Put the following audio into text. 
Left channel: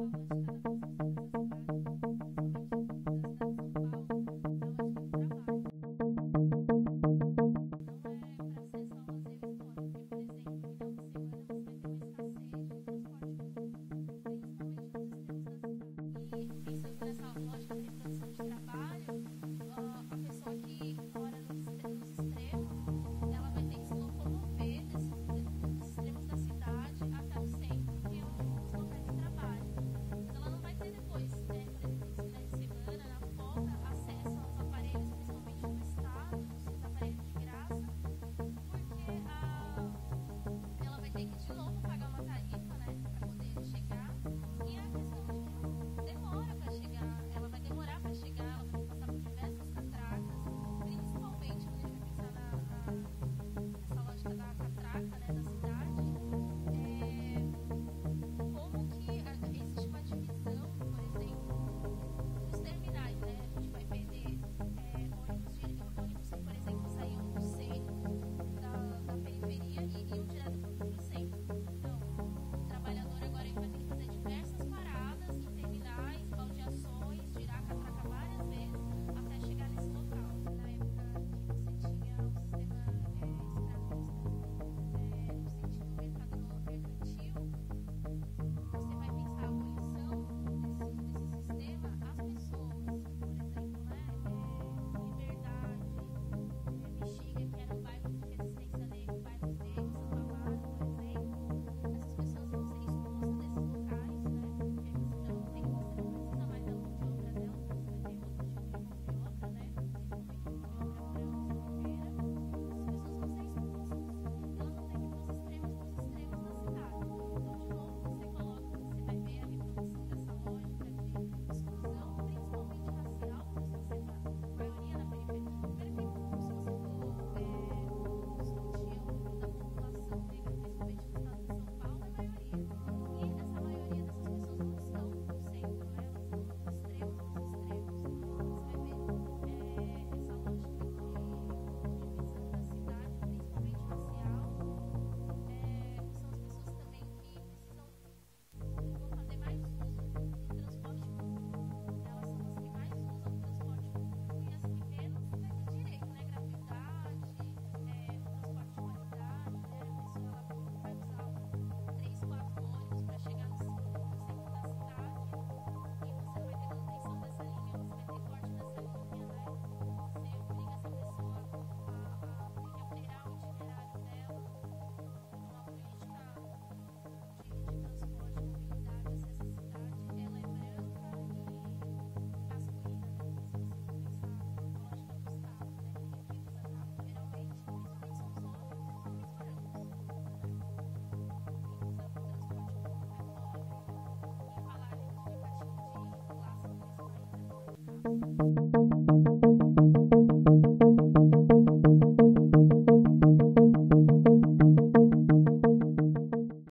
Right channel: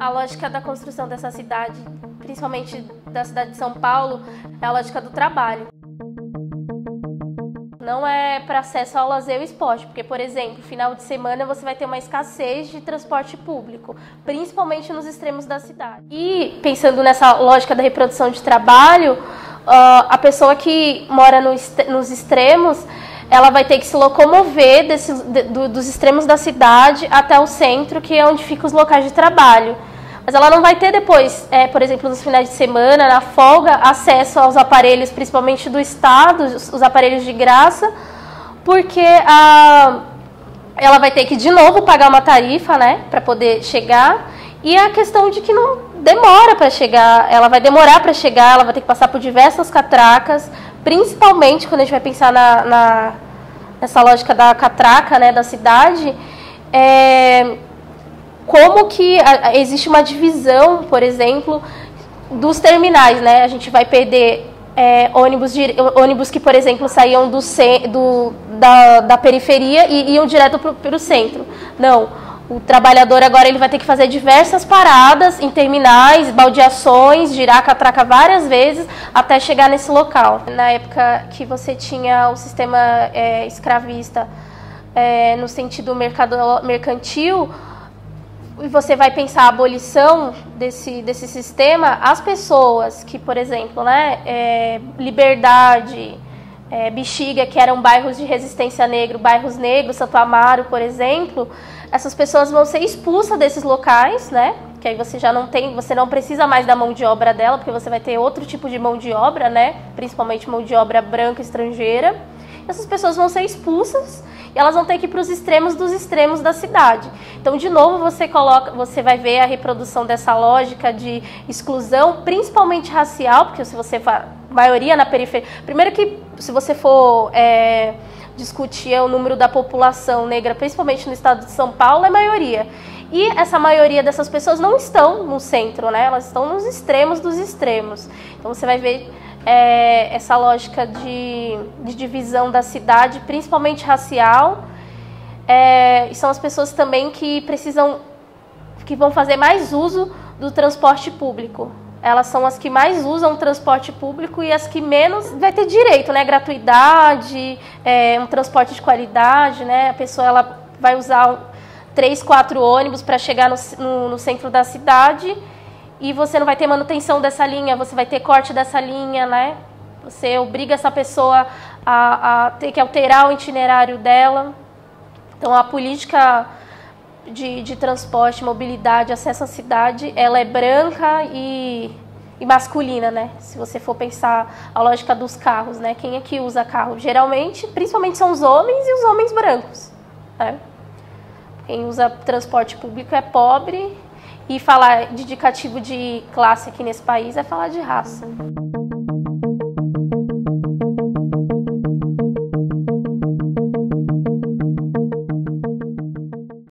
A lógica da construção dessa cidade, principalmente da cidade de São Paulo, é a lógica do trabalho. Não é para acesso ao lazer e esporte, porque, por exemplo, final de semana você vai ter uma escassez de transporte público, principalmente nos extremos da cidade. E pensando nessa lógica da reprodução de trabalho, a pessoa que mora nos extremos, ela vai ter que se locomover dos extremos da cidade até o centro, que é onde ficam os locais de trabalho. Mas ela não vai ter depois, por exemplo, nos finais de semana, na folga, acesso aos aparelhos, principalmente do Estado, os aparelhos de graça, porque ela vai ter que, de novo, pagar uma tarifa, né, para poder chegar. E a questão de que não demora para chegar, ela vai demorar para chegar, ela vai ter que passar por diversas catracas, principalmente quando a gente vai pensar nessa lógica da catraca, né, da cidade, como que existe uma divisão, por exemplo, dos terminais, né? A gente vai perder ônibus que, por exemplo, saíam da periferia e iam direto para o centro. Não, o trabalhador agora ele vai ter que fazer diversas paradas em terminais, baldeações, girar a catraca várias vezes até chegar nesse local. Na época que você tinha o sistema escravista no sentido mercantil, e você vai pensar a abolição desse sistema, as pessoas que, por exemplo, né, Liberdade, Bexiga, que eram bairros de resistência negra, bairros negros, Santo Amaro, por exemplo, essas pessoas vão ser expulsas desses locais, né? Que aí você não precisa mais da mão de obra dela, porque você vai ter outro tipo de mão de obra, né? Principalmente mão de obra branca estrangeira. Essas pessoas vão ser expulsas e elas vão ter que ir para os extremos dos extremos da cidade. Então, de novo, você vai ver a reprodução dessa lógica de exclusão, principalmente racial, porque se você maioria na periferia. Primeiro que, se você for discutir o número da população negra, principalmente no estado de São Paulo, é maioria. E essa maioria dessas pessoas não estão no centro, né? Elas estão nos extremos dos extremos. Então, você vai ver essa lógica de divisão da cidade, principalmente racial. E são as pessoas também que vão fazer mais uso do transporte público. Elas são as que mais usam o transporte público e as que menos vai ter direito, né? Gratuidade, um transporte de qualidade, né? A pessoa ela vai usar 3, 4 ônibus para chegar no centro da cidade e você não vai ter manutenção dessa linha, você vai ter corte dessa linha, né? Você obriga essa pessoa a ter que alterar o itinerário dela. Então, a política de transporte, mobilidade, acesso à cidade, ela é branca e masculina, né? Se você for pensar a lógica dos carros, né? Quem é que usa carro? Geralmente, principalmente são os homens e os homens brancos, né? Quem usa transporte público é pobre e falar de indicativo de classe aqui nesse país é falar de raça.